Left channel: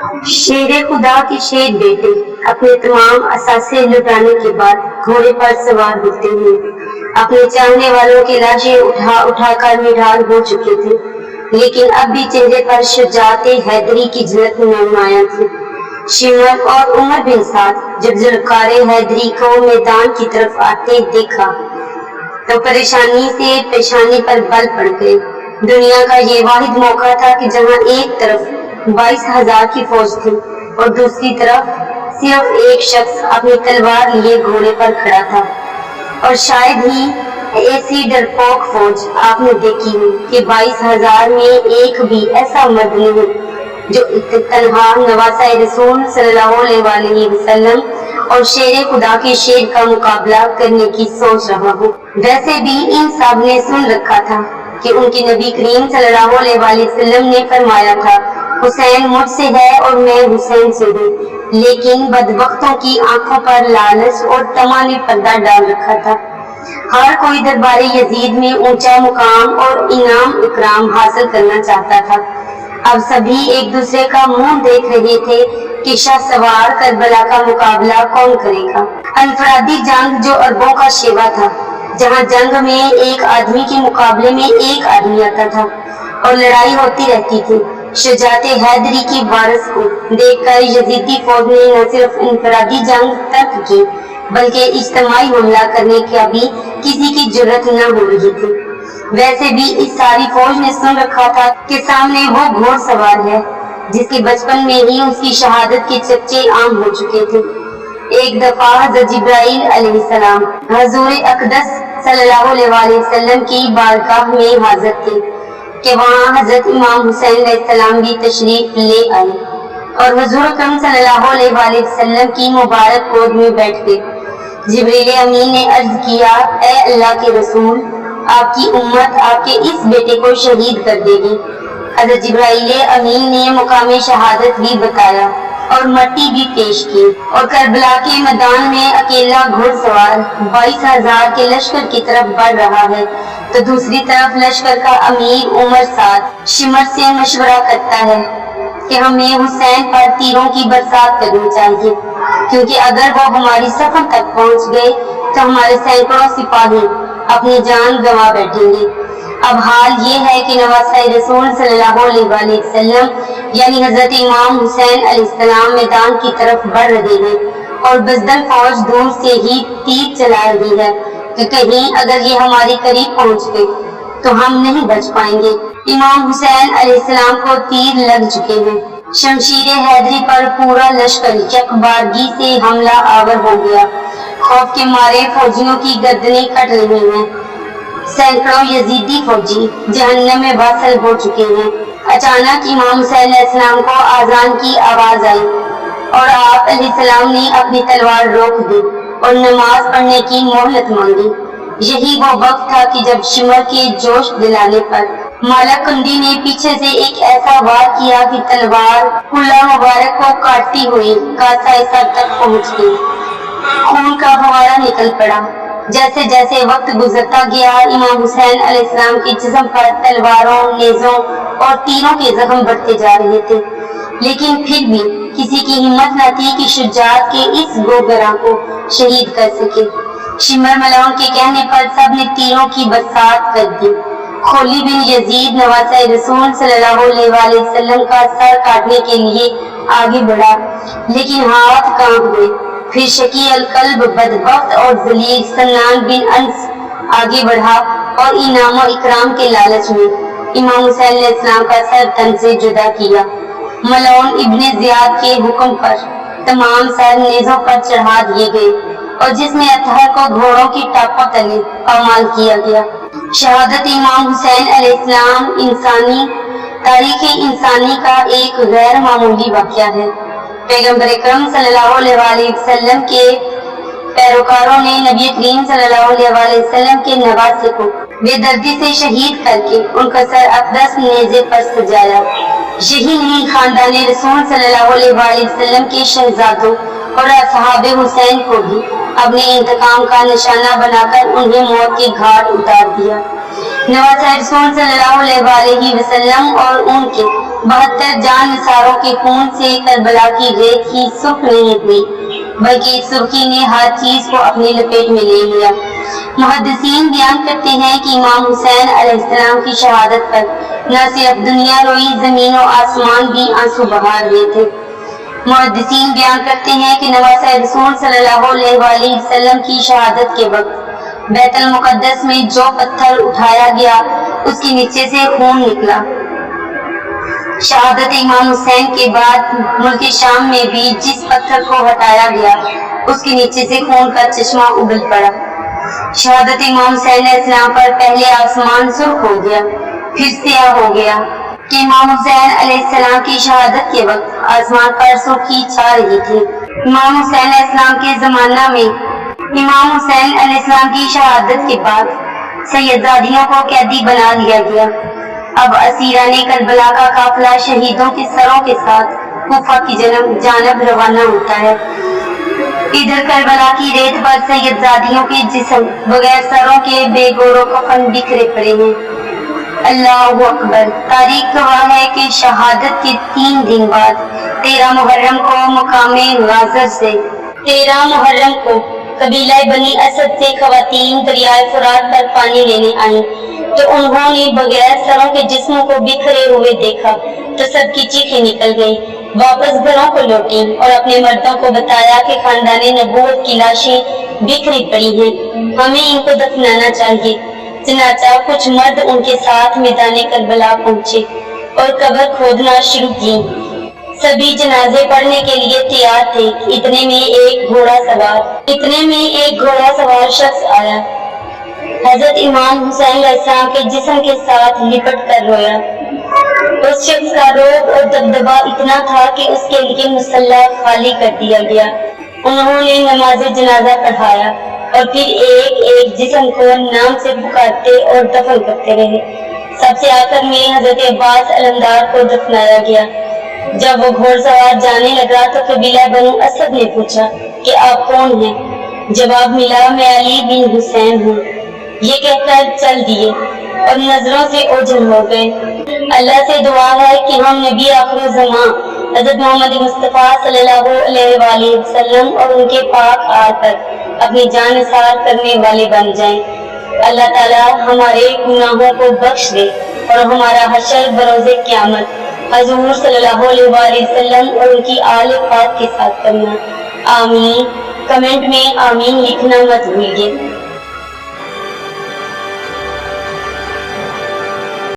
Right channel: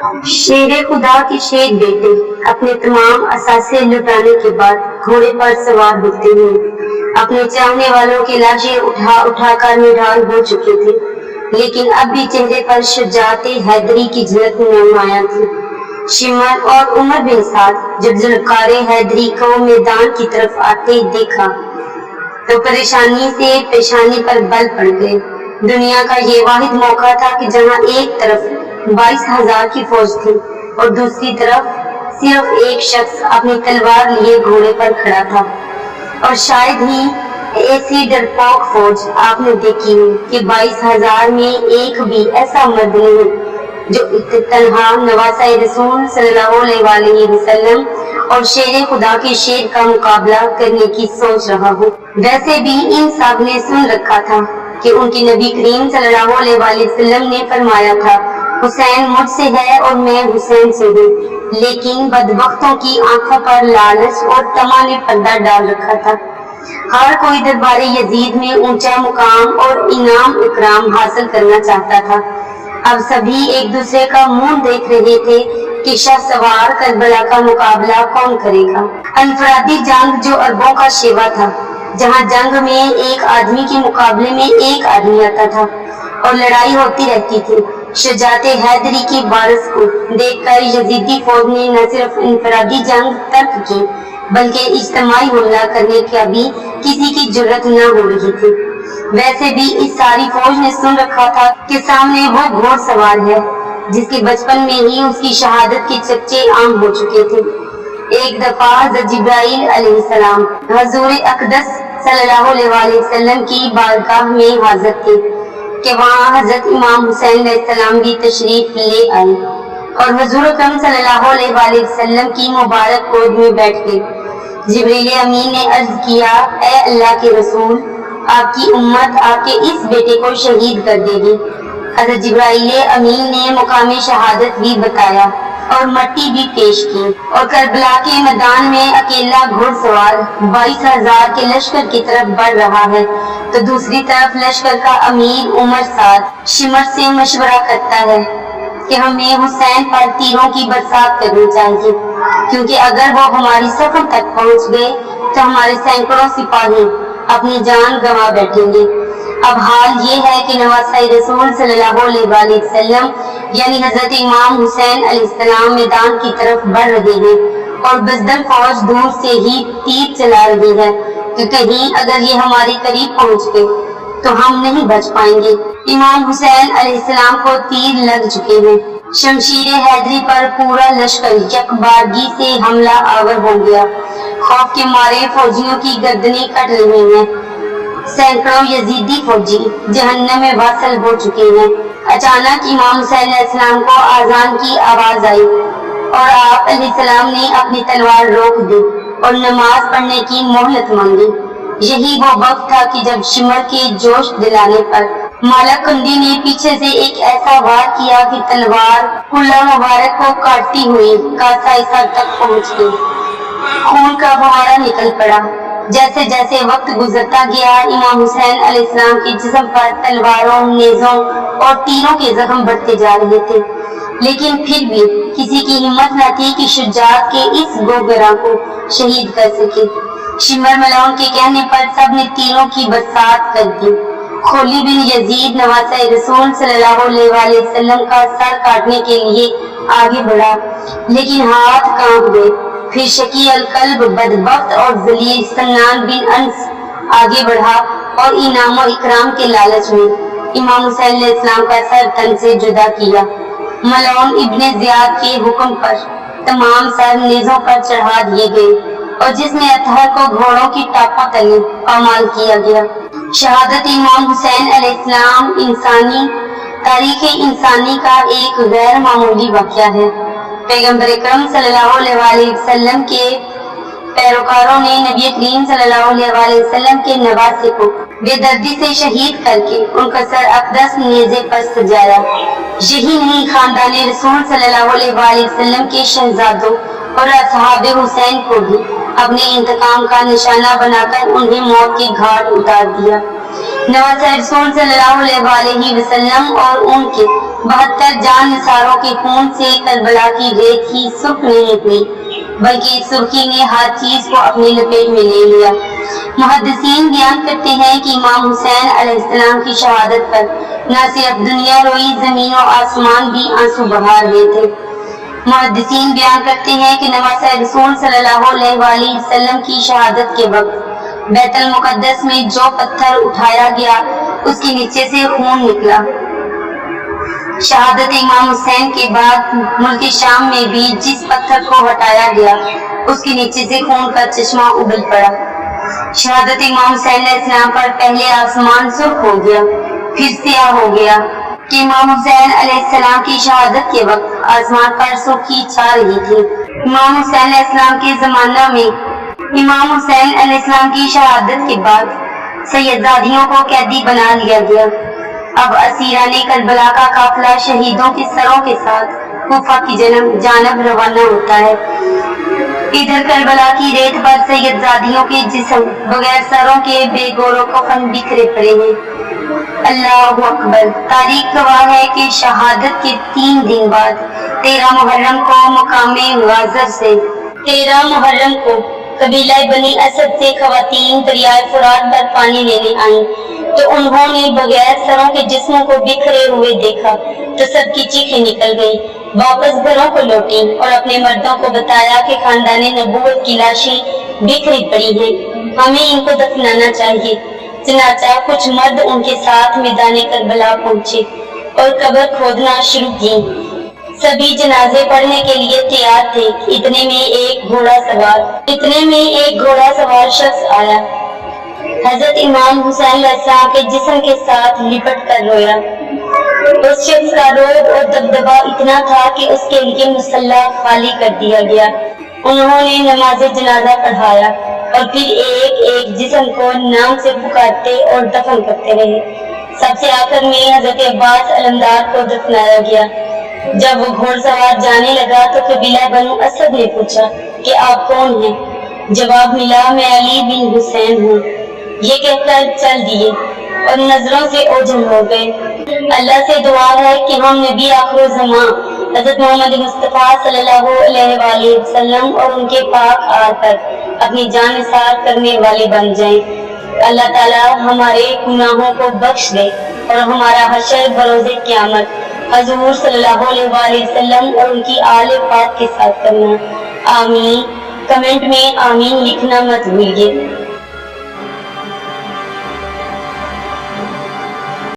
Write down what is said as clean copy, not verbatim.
شیر خدا کے شیر بیٹے اپنے تمام اثاثے لٹانے کے بعد گھوڑے پر سوار ہوتے ہوئے اپنے چاہنے والوں کی لاشیں اٹھا اٹھا کر نڈھال ہو چکے تھے، لیکن اب بھی چہرے پر شجاعت حیدری کی جھلک نمایاں تھی۔ شمر اور عمر بن سعد جب ذوالفقار حیدری کو میدان کی طرف آتے دیکھا تو پریشانی سے پیشانی پر بل پڑ گئے۔ دنیا کا یہ واحد موقع تھا کہ جہاں ایک طرف 22,000 کی فوج تھی اور دوسری طرف صرف ایک شخص اپنی تلوار لیے گھوڑے پر کھڑا تھا، اور شاید ہی ایسی ڈرپوک فوج آپ نے دیکھی ہو کہ 22,000 میں ایک بھی ایسا مرد نہیں جو تنہا نواسہ رسول صلی اللہ علیہ وسلم اور شیر خدا کے شیر کا مقابلہ کرنے کی سوچ رہا ہو۔ ویسے بھی ان سب نے سن رکھا تھا کہ ان کے نبی کریم صلی اللہ علیہ وسلم نے فرمایا تھا، حسین مجھ سے ہے اور میں حسین سے ہوں، لیکن بدبختوں کی آنکھوں پر لالچ اور طمع نے پردہ ڈال رکھا تھا۔ ہر کوئی دربار یزید میں اونچا مقام اور انعام اکرام حاصل کرنا چاہتا تھا۔ اب سبھی ایک دوسرے کا منہ دیکھ رہے تھے کہ شاہ سوار کربلا کا مقابلہ کون کرے گا۔ انفرادی جنگ جو اربوں کا شیوا تھا، جہاں جنگ میں ایک آدمی کے مقابلے میں ایک آدمی آتا تھا اور لڑائی ہوتی رہتی تھی، شجاعت حیدری کی وارث کو دیکھ کر یزیدی فوج نے نہ صرف انفرادی جنگ ترک کی بلکہ اجتماعی حملہ کرنے کا بھی کسی کی جرت نہ ہو رہی تھی۔ ویسے بھی اس ساری فوج نے سن رکھا تھا کہ سامنے وہ گھوڑ سوار ہے جس کے بچپن میں ہی اس کی شہادت کے چرچے عام ہو چکے تھے۔ ایک دفعہ حضرت جبرائیل علیہ السلام حضور اقدس صلی اللہ علیہ وسلم کی بارگاہ میں حاضر تھے کہ وہاں حضرت امام حسین علیہ السلام بھی تشریف لے آئے اور حضور اکرم صلی اللہ علیہ وسلم کی مبارک گود میں بیٹھ گئے۔ جبریل امین نے عرض کیا، اے اللہ کے رسول، آپ کی امت آپ کے اس بیٹے کو شہید کر دے گی۔ حضرت جبرائیل امین نے مقام شہادت بھی بتایا اور مٹی بھی پیش کی، اور کربلا کے میدان میں اکیلا گھوڑ سوار 22,000 کے لشکر کی طرف بڑھ رہا ہے تو دوسری طرف لشکر کا امیر عمر سعد شمر سے مشورہ کرتا ہے کہ ہمیں حسین پر تیروں کی برسات کرنی چاہیے، کیونکہ اگر وہ ہماری صفوں تک پہنچ گئے تو ہمارے سینکڑوں سپاہی اپنی جان گنوا بیٹھیں گے۔ اب حال یہ ہے کہ نواسہ رسول صلی اللہ علیہ وسلم یعنی حضرت امام حسین علیہ السلام میدان کی طرف بڑھ رہے ہیں اور بزدل فوج دور سے ہی تیر چلا رہی ہے کہ کہیں اگر یہ ہمارے قریب پہنچ گئے تو ہم نہیں بچ پائیں گے۔ امام حسین علیہ السلام کو تیر لگ چکے ہیں۔ شمشیر حیدری پر پورا لشکر یک بارگی سے حملہ آور ہو گیا۔ خوف کے مارے فوجیوں کی گردنیں کٹ رہی ہیں۔ سینکڑوں یزیدی فوجی جہنم میں واصل ہو چکے ہیں۔ اچانک امام حسین علیہ السلام کو آذان کی آواز آئی اور آپ علیہ السلام نے اپنی تلوار روک دی اور نماز پڑھنے کی مہلت مانگی۔ یہی وہ وقت تھا کہ جب شمر کے جوش دلانے پر مالک کندی نے پیچھے سے ایک ایسا وار کیا کہ تلوار کلہ مبارک کو کاٹتی ہوئی کاسہ سر تک پہنچ گئی۔ خون کا فوارہ نکل پڑا۔ جیسے جیسے وقت گزرتا گیا امام حسین علیہ السلام کے جسم پر تلواروں، نیزوں اور تیروں کے زخم بڑھتے جا رہے تھے، لیکن پھر بھی کسی کی ہمت نہ تھی کہ شجاعت کے اس گوگراں کو شہید کر سکے۔ شمر ملعون کے کہنے پر سب نے تیروں کی برسات کر دی۔ خولی بن یزید نواسہ رسول صلی اللہ علیہ وسلم کا سر کاٹنے کے لیے آگے بڑھا، لیکن ہاتھ کانپ گئے۔ پھر شقی القلب بدبخت اور ذلیل سنان بن انس آگے بڑھا اور انعام و اکرام کے لالچ میں امام حسین علیہ السلام کا سر تن سے جدا کیا۔ ملعون ابن زیاد کے حکم پر تمام سر نیزوں پر چڑھا دیے گئے اور جس میں اطہر کو گھوڑوں کی ٹاپوں تلے پامال کیا گیا۔ شہادت امام حسین علیہ السلام انسانی تاریخ انسانی کا ایک غیر معمولی واقعہ ہے۔ پیغمبر اکرم صلی اللہ علیہ وسلم کے پیروکاروں نے نبی کریم صلی اللہ علیہ وسلم کے نواسے کو بے دردی سے شہید کر کے ان کا سر اقدس نیزے پر سجایا۔ یہی نہیں، خاندان رسول صلی اللہ علیہ وسلم کے شہزادوں اور اصحاب حسین کو بھی اپنے انتقام کا نشانہ بنا کر انہیں موت کے گھاٹ اتار دیا۔ نواسہ رسول صلی اللہ علیہ وسلم اور ان کے 72 جان نثاروں کے خون سے کربلا کی ریت ہی سرخ نہیں ہوئی، بلکہ سرخی نے ہر چیز کو اپنے لپیٹ میں لے لیا۔ محدثین بیان کرتے ہیں کہ امام حسین علیہ السلام کی شہادت پر نہ صرف دنیا روئی، زمین و آسمان بھی آنسو بہا رہے تھے۔ محدثین بیان کرتے ہیں کہ نواسہ رسول صلی اللہ علیہ وآلہ وسلم کی شہادت کے وقت بیت المقدس میں جو پتھر اٹھایا گیا اس کے نیچے سے خون نکلا۔ شہادت امام حسین کے بعد ملک شام میں بھی جس پتھر کو ہٹایا گیا اس کے نیچے سے خون کا چشمہ ابل پڑا۔ شہادت امام حسین علیہ السلام پر پہلے آسمان سرخ ہو گیا، پھر سیاہ ہو گیا کہ امام حسین علیہ السلام کی شہادت کے وقت آسمان پر سرخی چھا رہی تھی۔ امام حسین علیہ السلام کے زمانہ میں امام حسین علیہ السلام کی شہادت کے بعد سیدزادیوں کو قیدی بنا لیا گیا۔ اب اسیران کربلا کا قافلہ شہیدوں کے سروں کے ساتھ کوفہ کی جانب روانہ ہوتا ہے۔ ادھر کربلا کی ریت پر سیدزادیوں کے جسم بغیر سروں کے بے گور و کفن بکھرے پڑے ہیں۔ اللہ اکبر۔ تاریخ گواہ ہے کہ شہادت کے 3 دن بعد 13 محرم کو مقام غازر سے 13 محرم کو قبیلہ بنی اسد سے خواتین دریائے فرات پر پانی لینے آئیں تو انہوں نے بغیر سروں کے جسموں کو بکھرے ہوئے دیکھا تو سب کی چیخیں نکل گئی، واپس گھروں کو لوٹیں اور اپنے مردوں کو بتایا کہ خاندان نبوت کی لاشیں بکھری پڑی ہیں، ہمیں ان کو دفنانا چاہیے۔ چنانچہ کچھ مرد ان کے ساتھ میدان کربلا پہنچے اور قبر کھودنا شروع کی۔ سبھی جنازے پڑھنے کے لیے تیار تھے۔ اتنے میں ایک گھوڑا سوار شخص آیا، حضرت امام حسین علیہ السلام کے جسم کے ساتھ لپٹ کر رویا۔ اس شخص کا روب اور دبدبا اتنا تھا کہ اس کے لیے مصلی خالی کر دیا گیا۔ انہوں نے نماز جنازہ پڑھایا اور پھر ایک ایک جسم کو نام سے پکارتے اور دفن کرتے رہے۔ سب سے آخر میں حضرت عباس علمدار کو دفنایا گیا۔ جب وہ گھوڑ سوار جانے لگا تو قبیلہ بنو اسد نے پوچھا کہ آپ کون ہیں؟ جواب ملا، میں علی بن حسین ہوں۔ یہ کہہ کر چل دیے اور نظروں سے اوجھل ہو گئے۔ اللہ سے دعا ہے کہ ہم نبی آخر الزمان حضرت محمد مصطفیٰ صلی اللہ علیہ وآلہ وسلم اور ان کے پاک آل پر اپنی جان نثار کرنے والے بن جائیں۔ اللہ تعالی ہمارے گناہوں کو بخش دے اور ہمارا حشر بروز قیامت حضور صلی اللہ علیہ وآلہ وسلم اور ان کی آل پاک کے ساتھ کرنا۔ آمین۔ کمنٹ میں آمین لکھنا مت بھولیے۔